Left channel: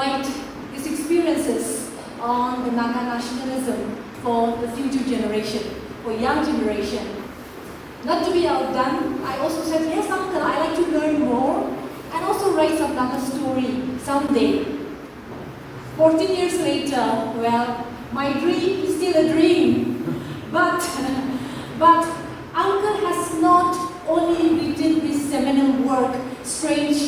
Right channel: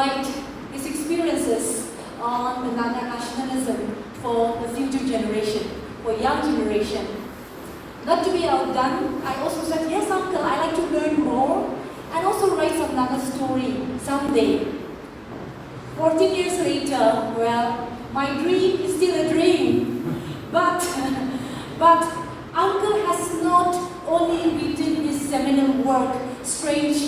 write his experiences on the Naga nationalism for the future generation, for young generation. Not to be outdone, I also said, yes, uncle, I like to learn more and also write some Naga story someday. 14 years later, well, my dream is still a dream, but uncle has not only written this seminal work, Strange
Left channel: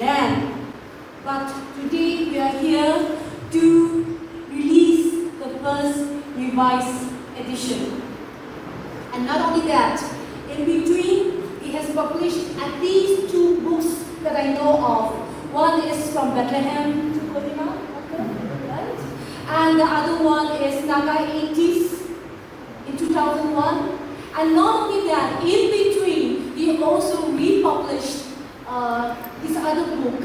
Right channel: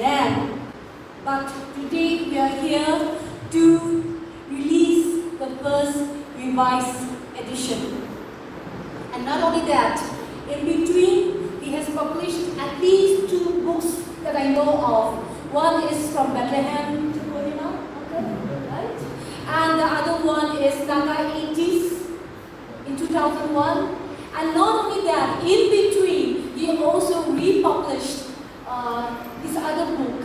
Land, but today we are here to release the first revised edition. And not only that, in between, he has published at least 2 books that I know of. One is From Bethlehem to Kohima, right? And the other one is Naga 80s in 2001. And not only that, in between, he also republished his other book,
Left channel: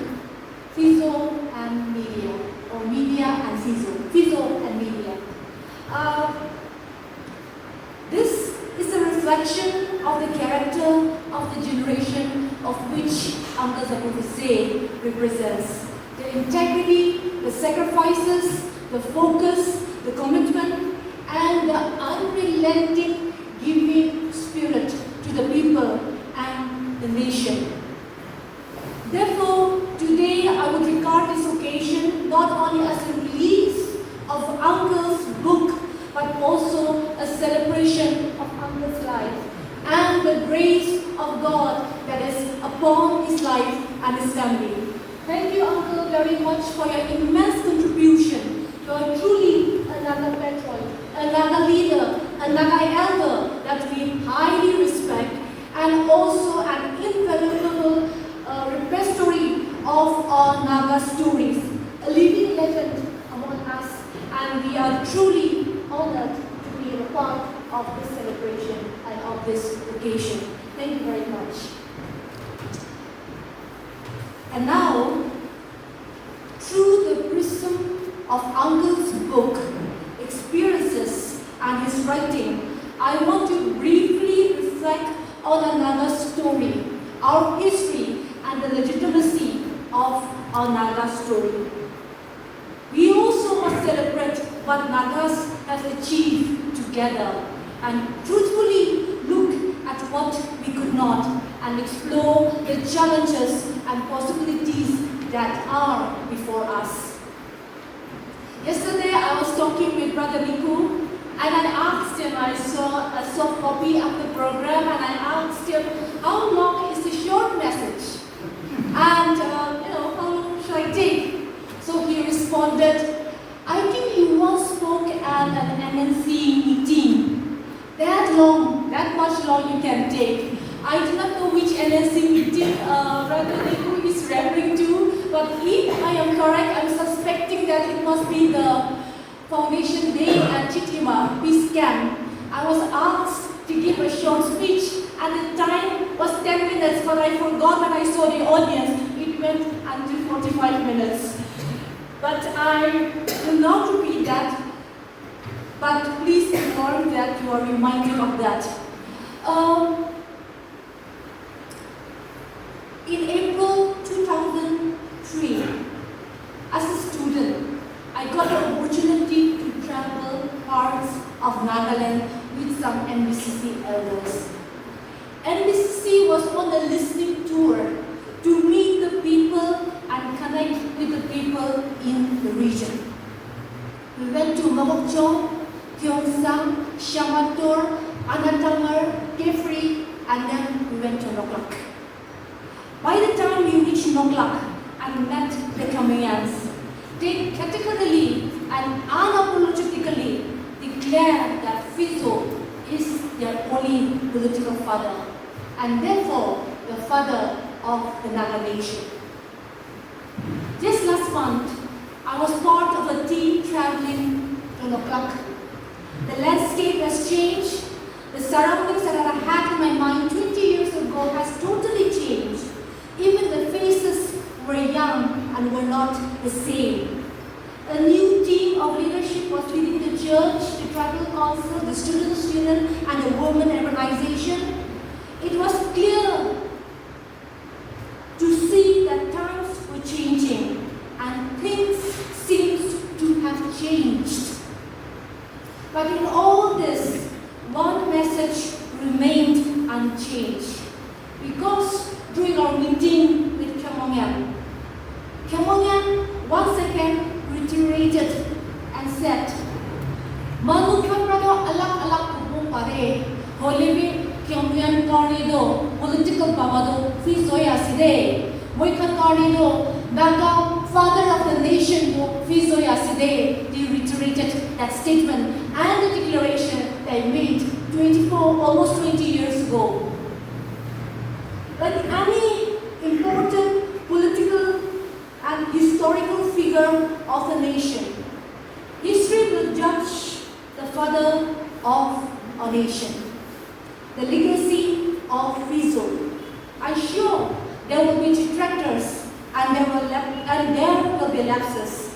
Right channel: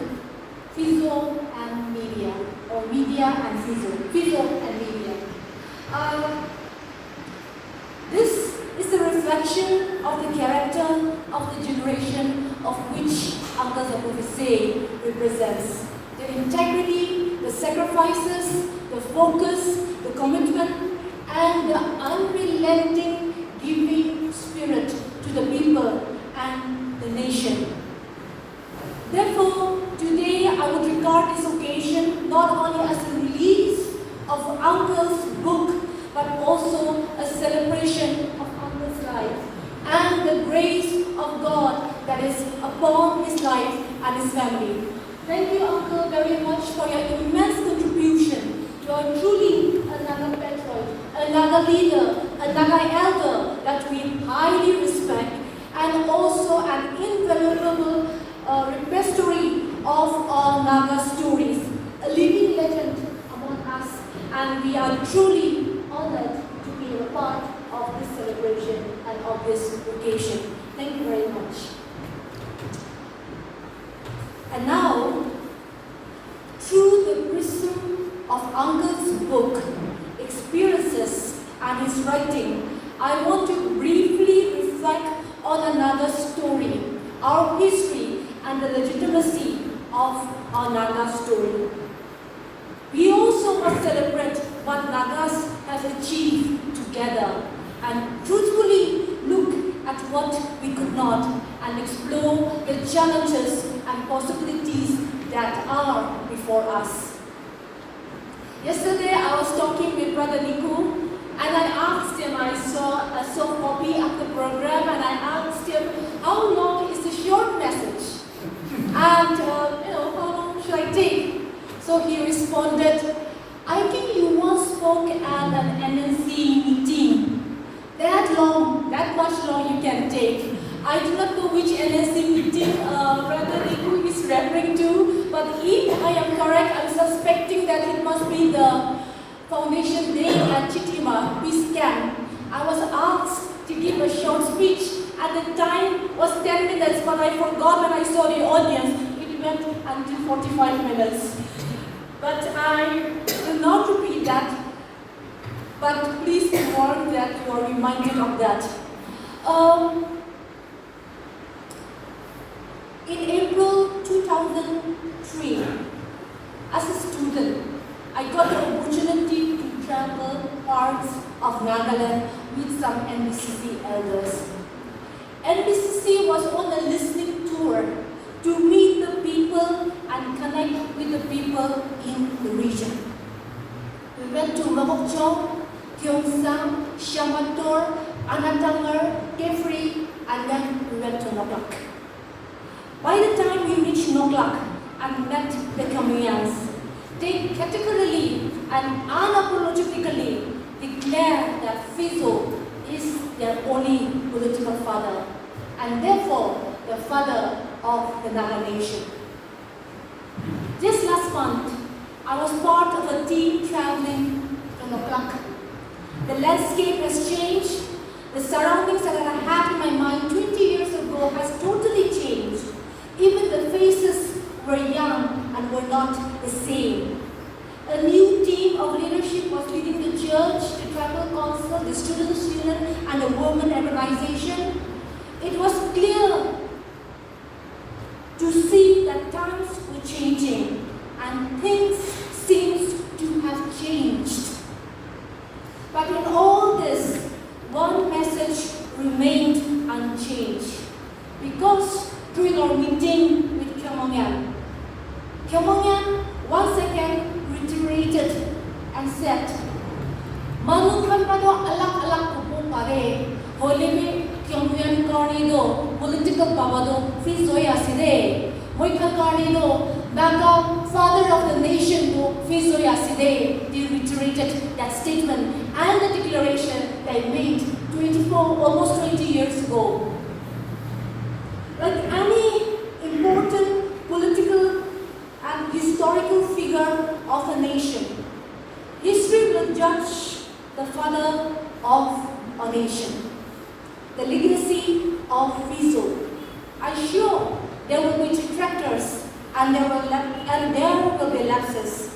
Fizo and Media, or Media and Fizo. Fizo and Media. This is a reflection of the character of the generation of which Uncle Zapuvisie represents. The integrity, the sacrifices, the focus, the commitment, and the unrelenting giving spirit to the people and the nation. Therefore, today I would regard this occasion not only as a release of Uncle's book, but also a celebration of Uncle's life and the grace of God that is upon his life and his family. Thank you, Uncle, very much for your immense contribution to a truly a Naga patriot, a Naga leader, a Naga elder that we highly respect, and also an invaluable repository of our Naga stories, a living legend among us, and we are truly honored to be a part of this celebration and of this occasion. Thank you very much. And now, through the prism of Uncle's book, experiences, and his writing, I want to briefly reflect on another story, our history, and the legitimacy of our Naga story. We also must celebrate what Nagas have achieved together and truthfully look at what we could not and explore the challenges and possibilities that are before us. Yesterday I was talking with Brother Niku, and I asked him, I saw a soft copy of the program, and I asked him, how long is the short message? And how long should I take? So he responded, I think you once spoke at an NNC meeting. That much long you can take. I do not know which NNC meeting Brother Niku is referring to, but if I am correct, I'm suspecting that it must be the Foundation Day at Chitima Peace Camp. I was asked to give a short speech, and the time was 10 minutes, but I forgot when I saw the audience. It went until 45 minutes. But I will not repeat that, but please inform that you are reminded of that. In April 2003, as a student, I got the opportunity to travel parts of Nagaland with some NBCC elders. NBCC was on a listening tour to meet the people and connect with the people in the region. We went to Lhokchong, Gyeongsang, Shamator, Anatamar, Kefri, and then we went to Noglak. By the time we reached Noglak and met the Khmerans, they categorically and unapologetically declared that Fizo is their only political father, and therefore the father of the Naga nation. Just last month, I was part of a team traveling to Noglak. The landscape has changed. The surroundings that I had in my mind 20 years ago has totally changed. Even the faces were young and were not the same. A new team of leadership was leading the church, the tribal council, the students' union, and the women organization. It was clear to see that times were changing and things nation. The legacy of Fizo. I'm sure there will be detractors and there will be lapses.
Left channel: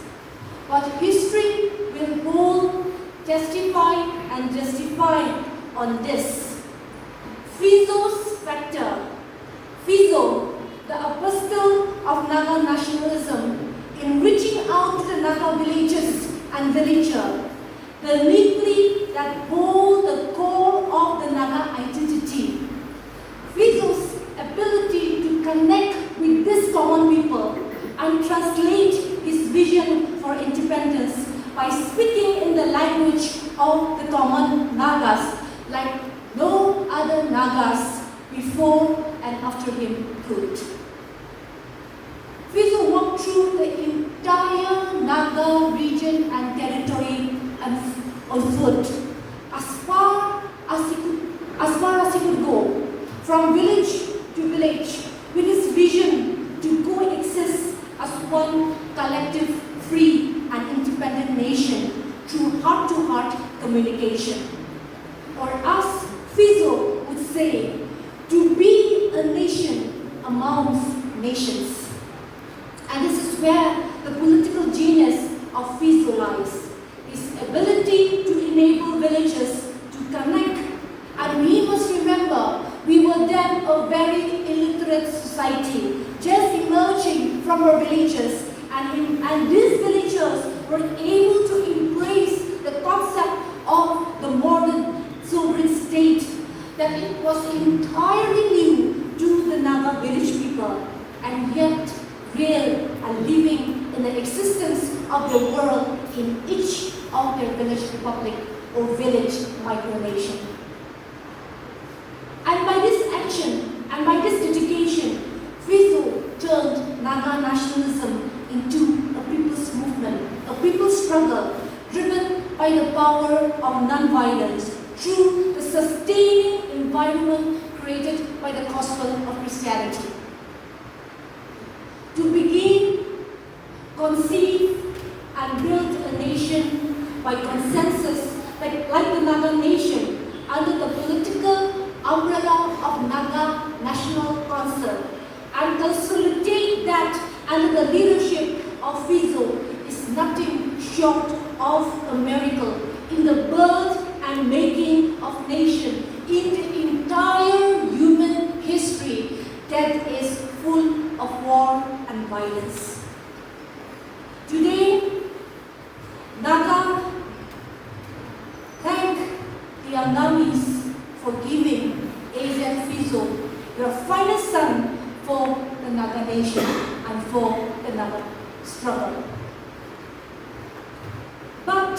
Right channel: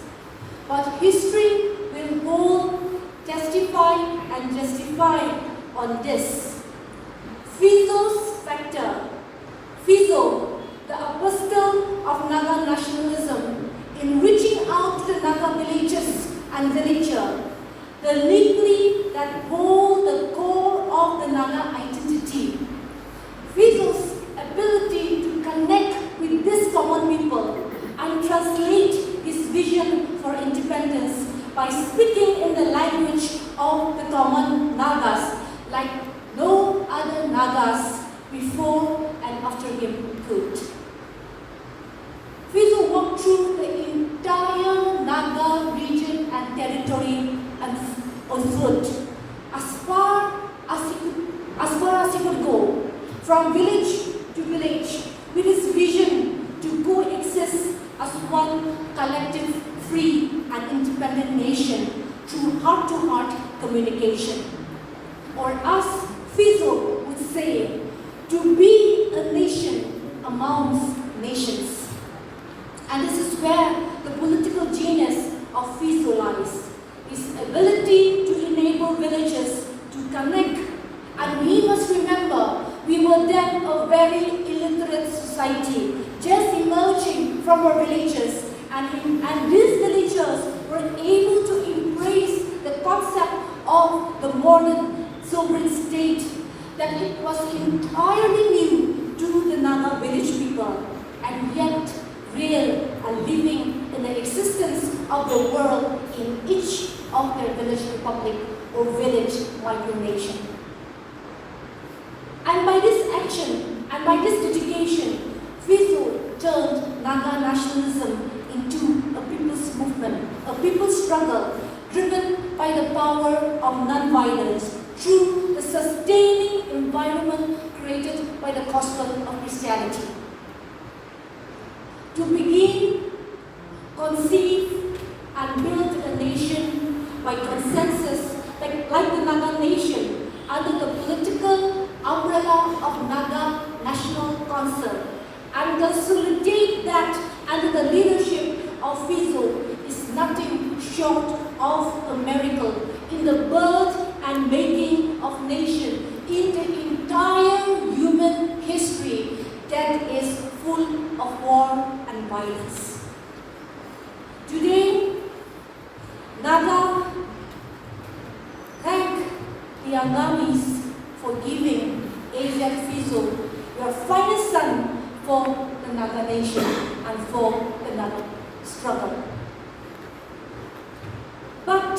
But history will all testify and justify on this. Fizo's factor. Fizo, the apostle of Naga nationalism, in reaching out to the Naga villages and villager, the nuclei that hold the core of the Naga identity. Fizo's ability to connect with this common people and translate his vision for independence by speaking in the language of the common Nagas like no other Nagas before and after him could. Fizo walked through the entire Naga region and territory on foot, as far as he could go, from village to village, with his vision to coexist as one collective, free and independent nation through heart-to-heart communication. Or as Fizo would say, to be a nation amongst nations. And this is where the political genius of Fizo lies. His ability to enable villagers to connect. And we must remember, we were then a very illiterate society, just emerging from our villages. And these villagers were able to embrace the concept of the modern sovereign state, that it was entirely new to the Naga village people, and yet real and living in the existence of the world in each of their village republic or village micronation. And by this action and by this dedication, Fizo turned Naga nationalism into a people's movement, a people's struggle driven by the power of non-violence through the sustaining environment created by the gospel of Christianity. To begin, conceive, and build a nation by consensus like the Naga nation under the political umbrella of Naga National Council, and consolidate that under the leadership of Fizo is nothing short of a miracle in the birth and making of nation in the entire human history that is full of war and violence. Today, Naga thank the Angamis for giving AZ Fizo your finest son for the Naga nation and for the Naga struggle. But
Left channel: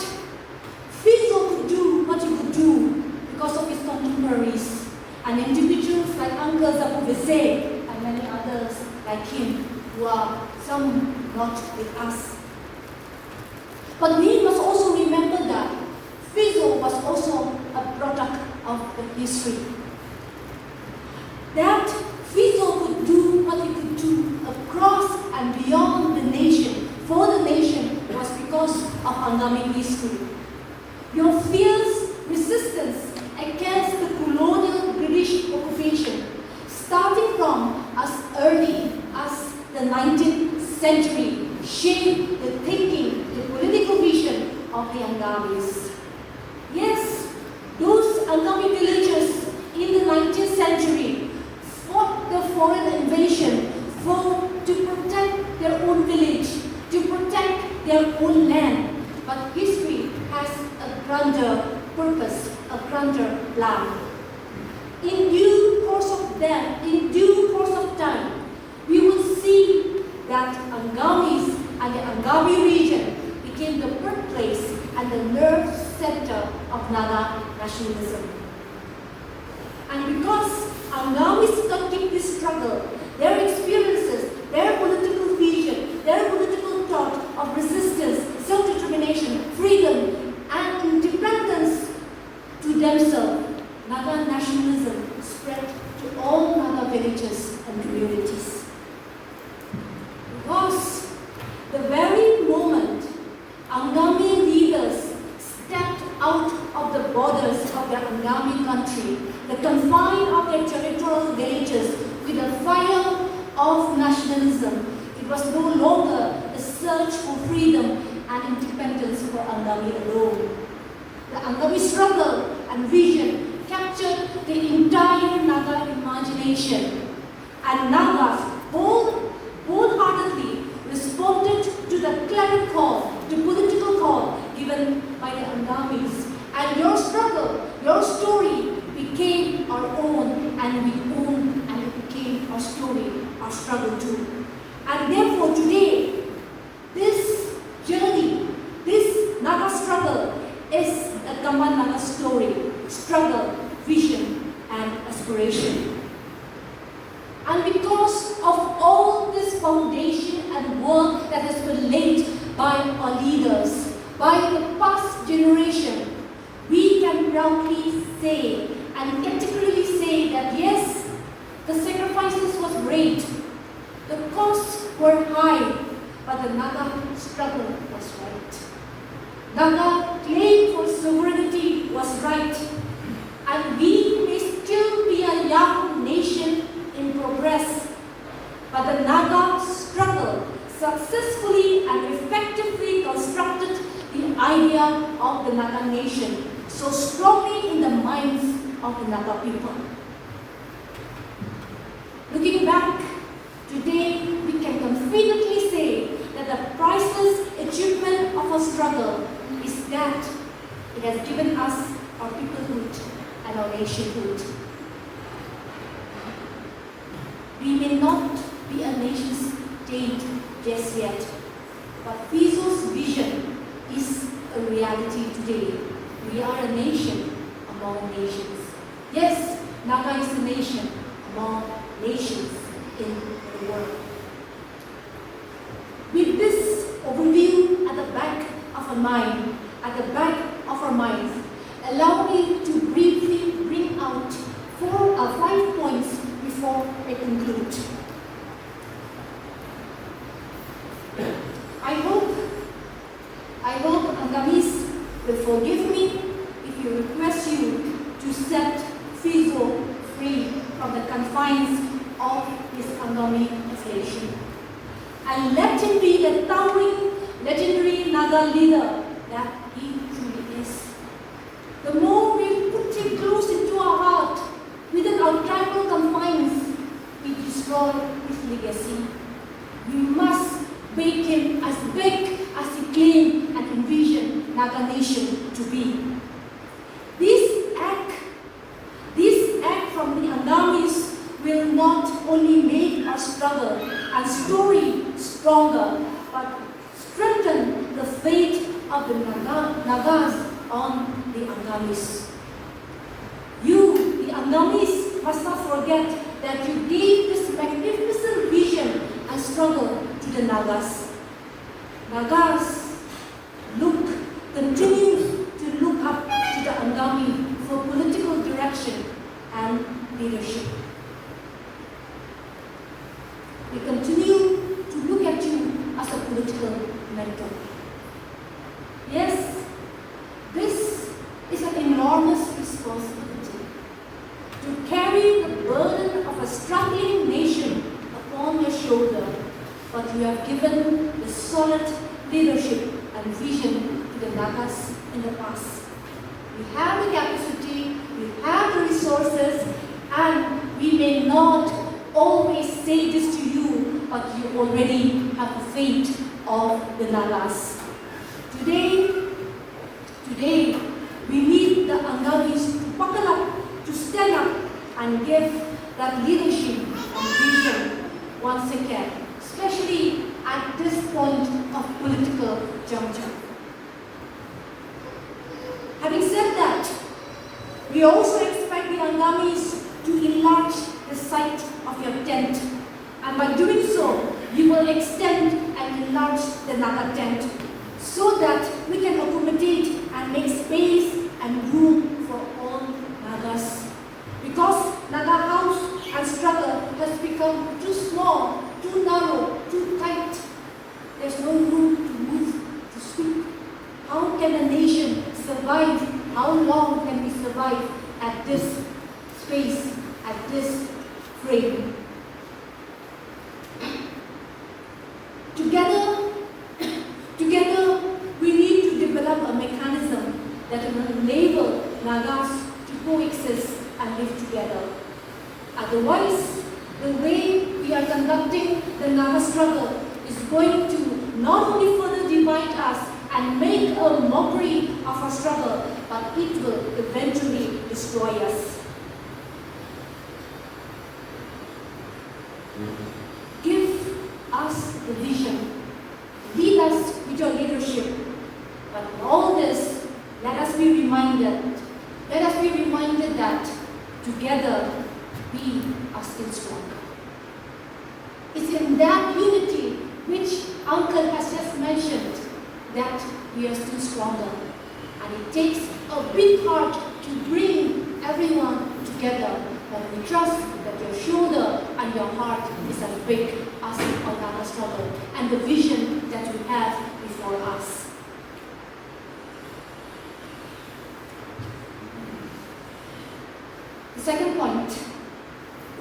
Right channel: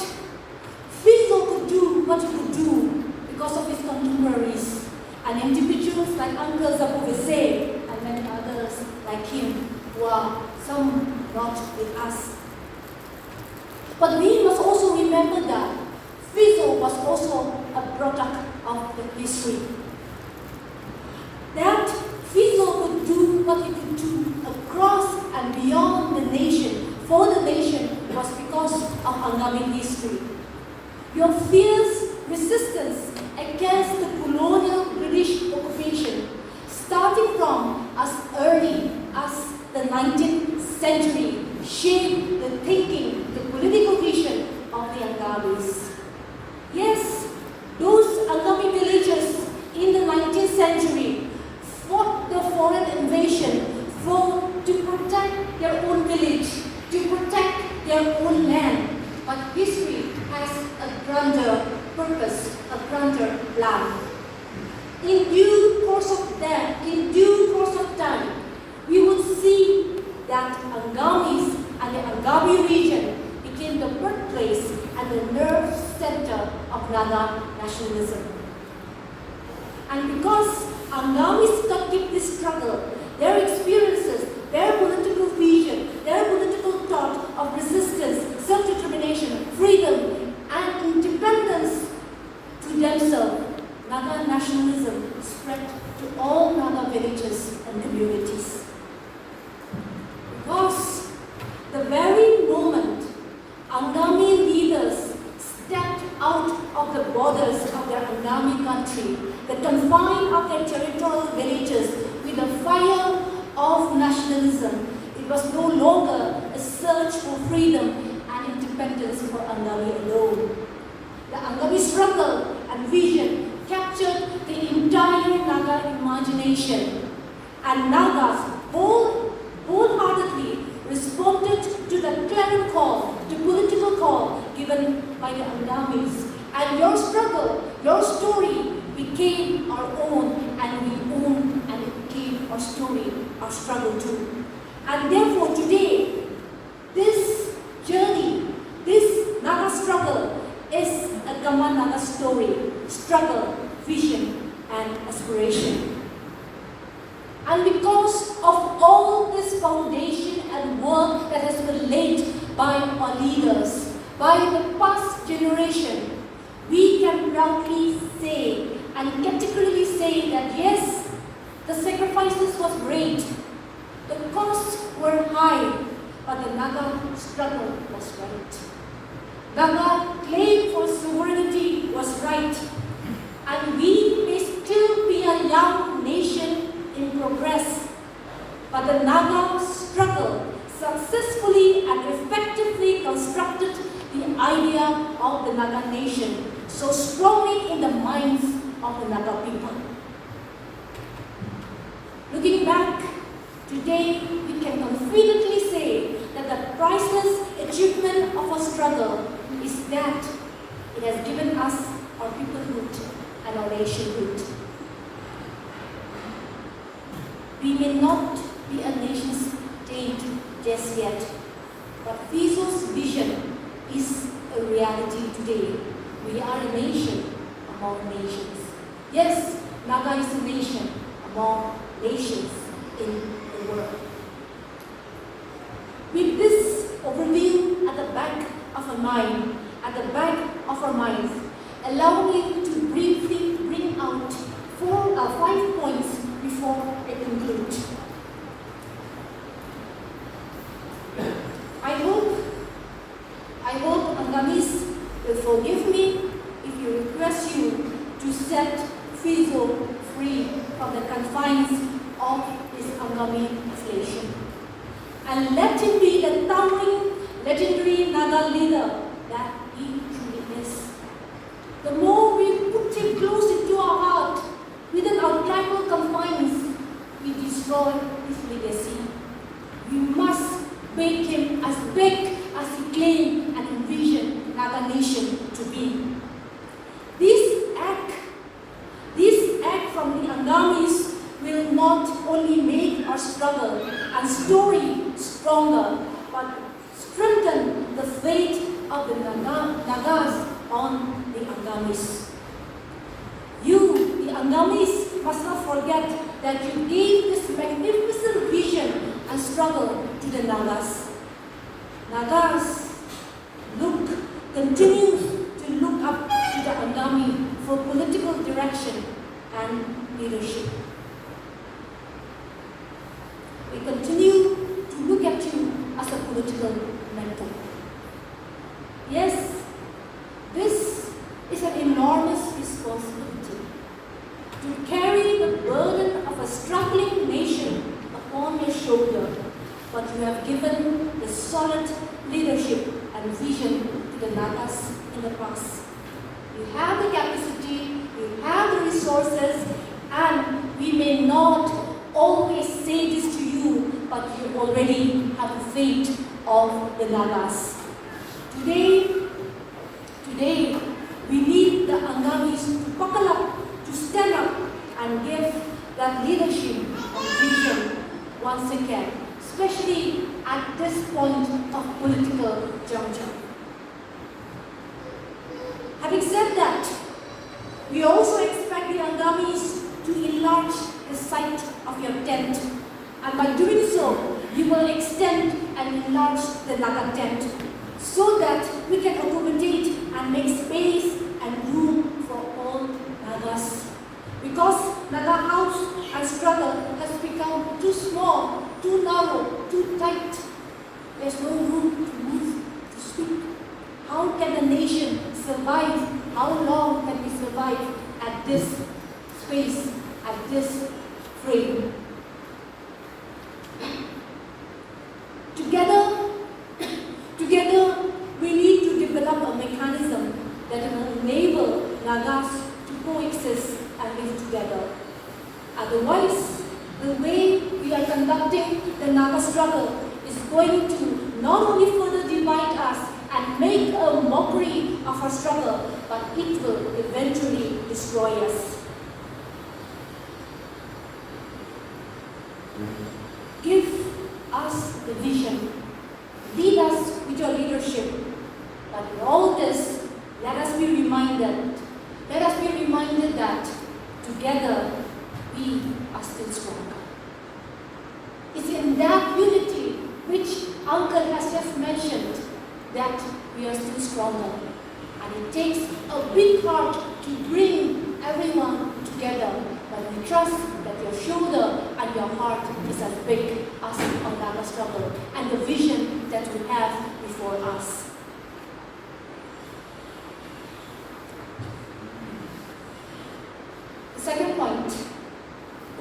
Fizo could do what he could do because of his contemporaries and individuals like Uncle Zapuvisie and many others like him who are some not with us. But we must also remember that Fizo was also a product of the history. That Fizo could do what he could do across and beyond the nation, for the nation, was because of Angami history. Your fierce resistance against the colonial British occupation, starting from as early as the 19th century, shaped the thinking, the political vision of the Angamis. Yes, those Angami villagers in the 19th century fought the foreign invasion to protect their own village, to protect their own land. But history has a grander purpose, a grander plan. In due course of time, we will see that Angamis and the Angami region became the birthplace and the nerve center of Naga nationalism. And because Angamis started this struggle, their experiences, their political vision, their political thought of resistance, self-determination, freedom, and independence to themselves, Naga nationalism spread to all Naga villages and communities. Because the very moment Angami leaders stepped out of the borders of their Angami and vision captured the entire Naga imagination, and Nagas wholeheartedly responded to the clarion call, to political call given by the Angamis. And your struggle, your story became our own, and we own and it became our story, our struggle too. And therefore today, this journey, this Naga struggle is a Gamma Naga story, struggle, vision, and aspiration. And because of all this foundation and work that has been laid by our leaders, by the past generation, we can proudly say and categorically say that yes, the sacrifices was great, the costs were high, but the Naga struggle was right. Naga claim for sovereignty was right, and we may still be a young nation in progress, but the Naga struggle successfully and effectively constructed the idea of the Naga nation so strongly in the minds of the Naga people. Looking back, today we can confidently say that the priceless achievement of our struggle is that it has given us our peoplehood and our nationhood. We may not be a nation state just yet, but Fizo's vision is a reality today. We are a nation among nations. Yes, Naga is a nation among nations in the world. With this overview at the back of our mind, allow me to briefly bring out 5 points before I conclude. I hope Angamis will forgive me if you request you to set Fizo free from the confines of his Angami station, and let him be the towering, legendary Naga leader that he truly is. The more we put him close into our heart, within our tribal confines, we destroy his legacy. We must make him as big as he claimed and envisioned Naga nation to be. This act from the Angamis will not only make our struggle and story stronger, but strengthen the faith of the Nagas on the Angamis. You, the Angamis, must not forget that you gave this magnificent vision and struggle to the Nagas. Nagas continue to look up to the Angami for political direction and leadership. We continue to look at you as a political mentor. Yes, this is an enormous responsibility to carry the burden of a struggling nation upon your shoulder, but you have given the solid leadership and vision to the Nagas in the past. We have the capacity, we have the resources, and we may not always say this to you, but you already have the fate of the Nagas. Today, we need the Angamis to buckle up, to stand up, and give that leadership and vision once again, especially at this point of political juncture. Having said that, we also expect the Angamis to enlarge the site of your tent, and by doing so, we will extend and enlarge the Naga tent so that we can accommodate and make space and room for all Nagas. Because Naga house and struggle has become too small, too narrow, too tight. There's no room to move, to speak. How can a nation survive? How long can we survive at this space, at this frame? Together, we need to develop a mechanism that will enable Nagas coexist and live together. Otherwise, the way we are conducting the Naga struggle is going to not only further divide us and make a mockery of our struggle, but it will eventually destroy us. Give us the vision. Lead us with your leadership. But in all this, let us be reminded that together we are still strong. It's in that unity which Uncle has just mentioned that we are still stronger. And it takes a big heart to bring everyone together. But we trust that your shoulder and your heart is as big as our Naga struggle and the vision that we have before us. The second point,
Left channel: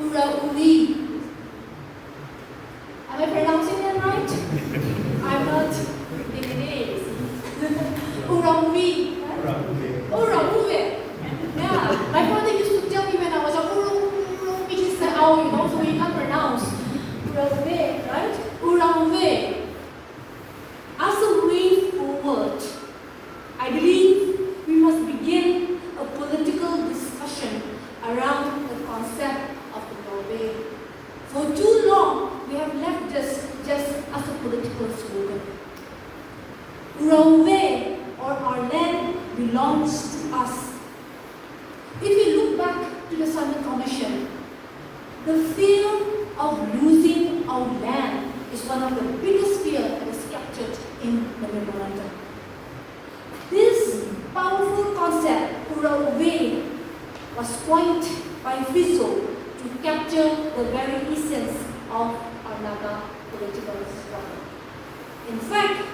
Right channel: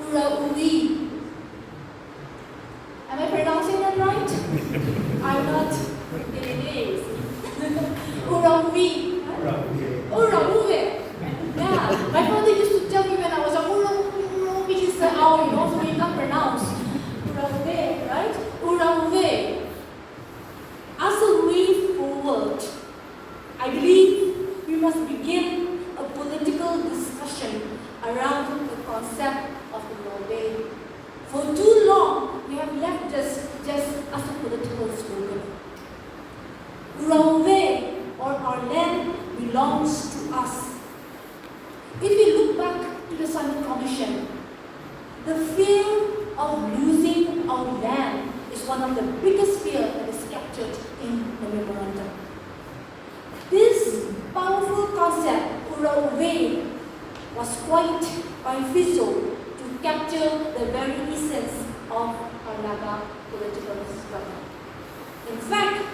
Ura-Uri. Am I pronouncing that right? I'm not. It is. Ura-Uri. Ura-Uri. Yeah. My brother used to tell me when I was a Ura-Uri, which is how you also we not pronounce. Ura-Uri, right? Ura-Uri. As a way forward, I believe we must begin a political discussion around the concept of the Ura-Uri. For too long, we have left this just as a political slogan. Ura-Uri, or our land, belongs to us. If you look back to the Simon Commission, the fear of losing our land is one of the biggest fears that is captured in the memorandum. This powerful concept, Ura-Uri, was coined by Fizo to capture the very essence of our Naga political struggle. In fact,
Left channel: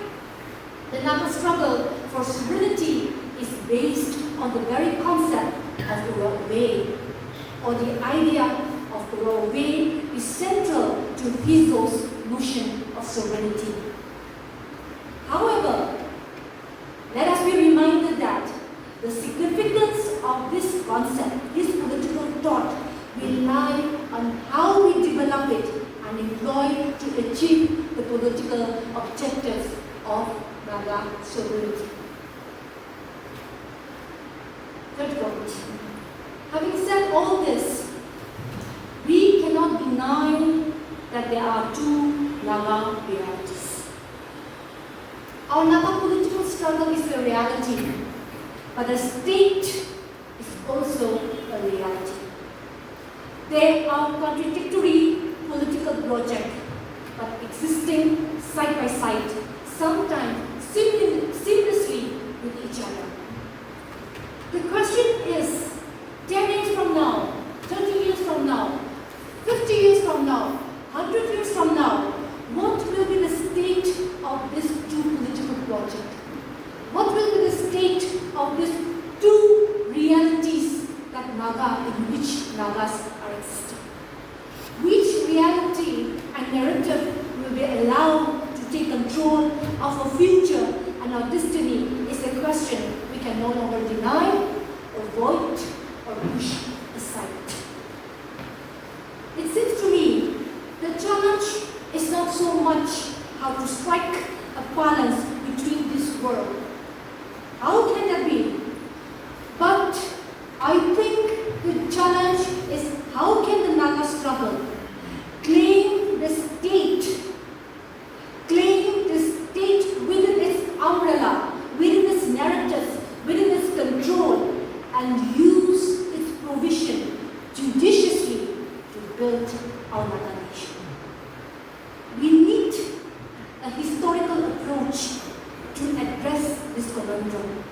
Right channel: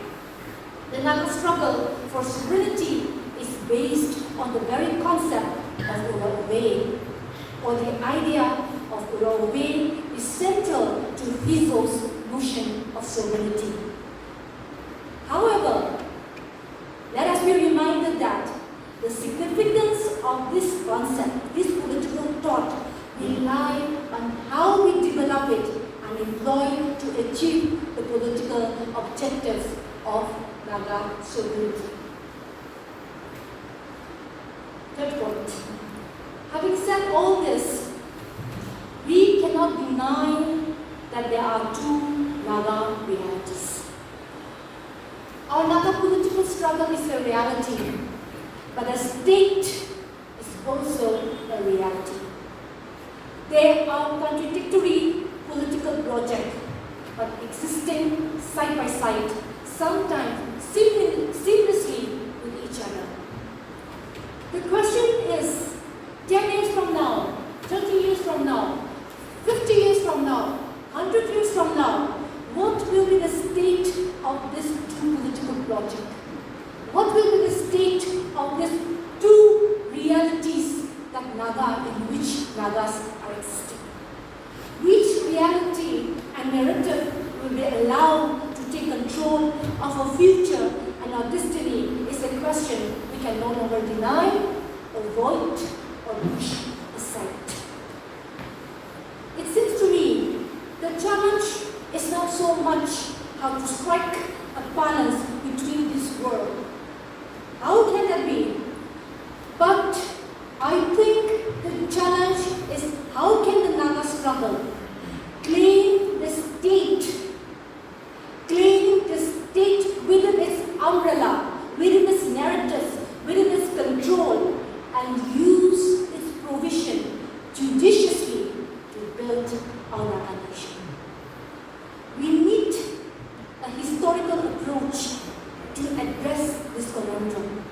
the Naga struggle for sovereignty is based on the very concept of Ura-Uri, or the idea of Ura-Uri is central to Fizo's notion of sovereignty. However, let us be reminded that the significance of this concept, this political thought, will lie on how we develop it and employ to achieve the political objectives of Naga sovereignty. Third point. Having said all this, we cannot deny that there are two Naga realities. Our Naga political struggle is a reality, but the state is also a reality. They are contradictory political projects, but existing side by side, sometimes seamlessly with each other. The question is, 10 years from now, 30 years from now, 50 years from now, 100 years from now, what will be the state of this two political project? What will be the state of these two realities that Naga, in which Nagas are existing? Which reality and narrative will they allow to take control of our future and our destiny is a question we can no longer deny, avoid, or push aside. It seems to me the challenge is not so much how to strike a balance between this world. How can that be? But I think the challenge is how can the Naga struggle claim the state within its umbrella, within its narratives, within its control, and use its provision judiciously to build our Naga nation. We need a historical approach to address this conundrum.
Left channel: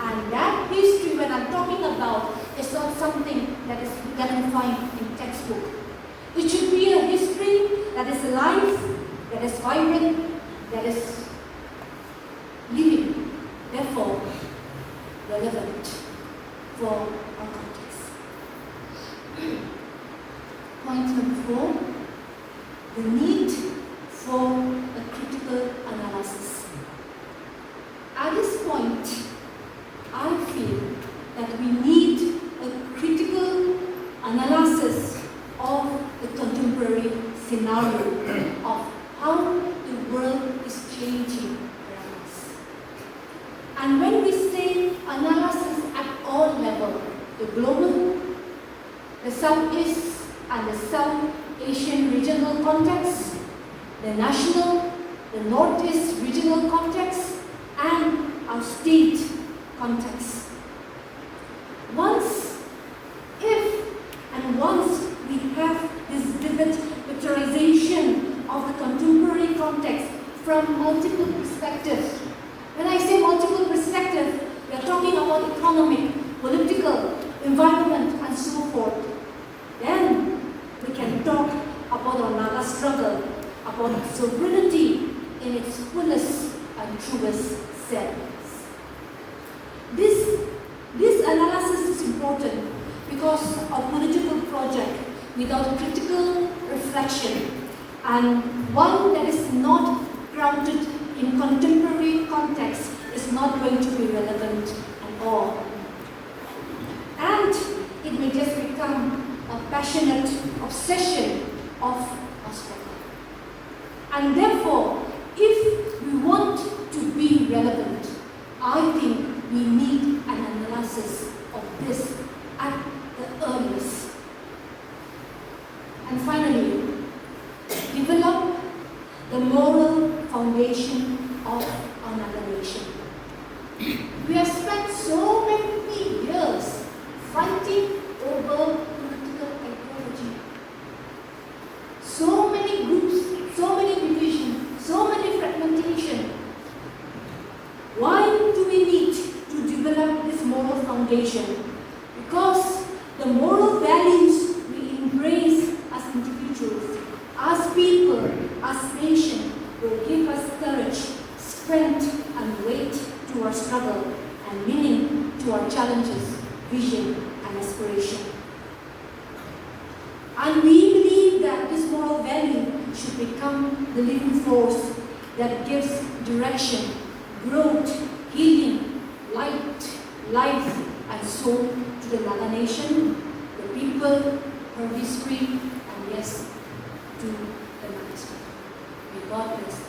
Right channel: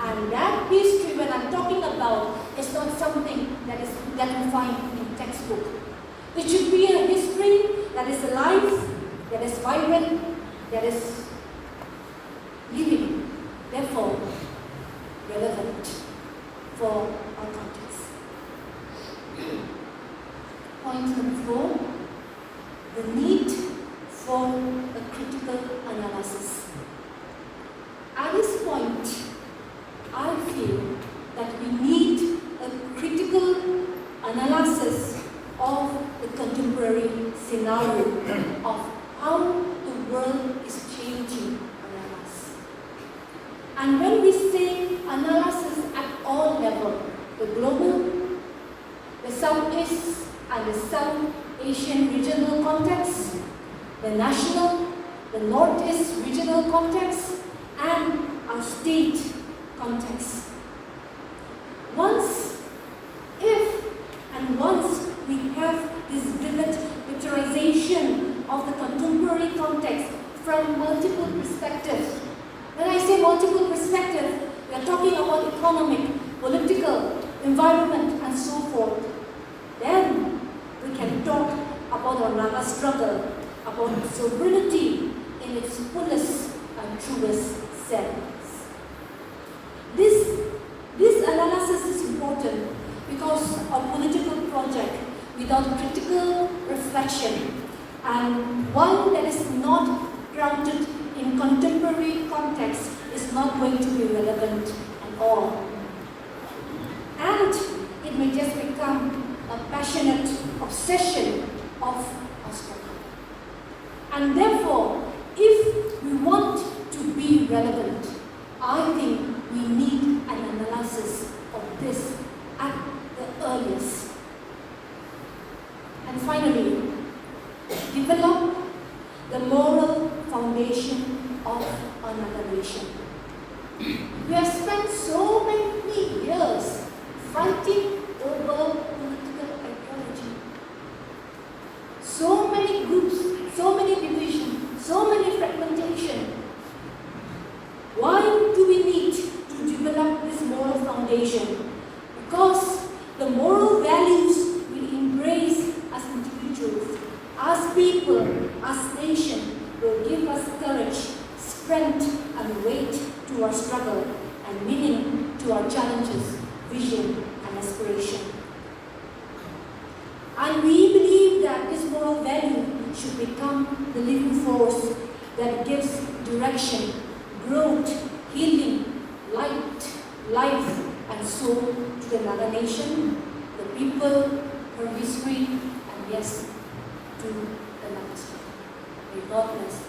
And that history, when I'm talking about, is not something that we find in textbook. It should be a history that is alive, that is vibrant, that is living, therefore relevant for our context. Point number 4, the need for a critical analysis. At this point, I feel that we need a scenario of how the world is changing around us. And when we say analysis at all levels, the global, the Southeast and the South Asian regional context, the national, the Northeast regional context, and our state context. Once we have this vivid picturization of the contemporary context from multiple perspectives. When I say multiple perspectives, we are talking about economic, political, environment, and so forth. Then we can talk about our Naga struggle, about our sovereignty in its fullest and truest sense. This analysis is important because a political project without critical reflection and one that is not grounded in contemporary context is not going to be relevant at all. And it may just become a passionate obsession of a struggle. And therefore, if we want to be relevant, I think we need an analysis of this at the earliest. And finally, develop the moral foundation of our Naga nation. We have spent so many years fighting over political ideology. So many groups, so many divisions, so many fragmentation. Why do we need to develop this moral foundation? Because the moral values we embrace as individuals, as people, as nation, will give us courage, strength, and weight to our struggle, and meaning to our challenges, vision, and aspiration. And we believe that this moral value should become the living force that gives direction, growth, healing, light, life, and soul to the Naga nation, the people, her history, and yes, to the Naga struggle. May God bless you.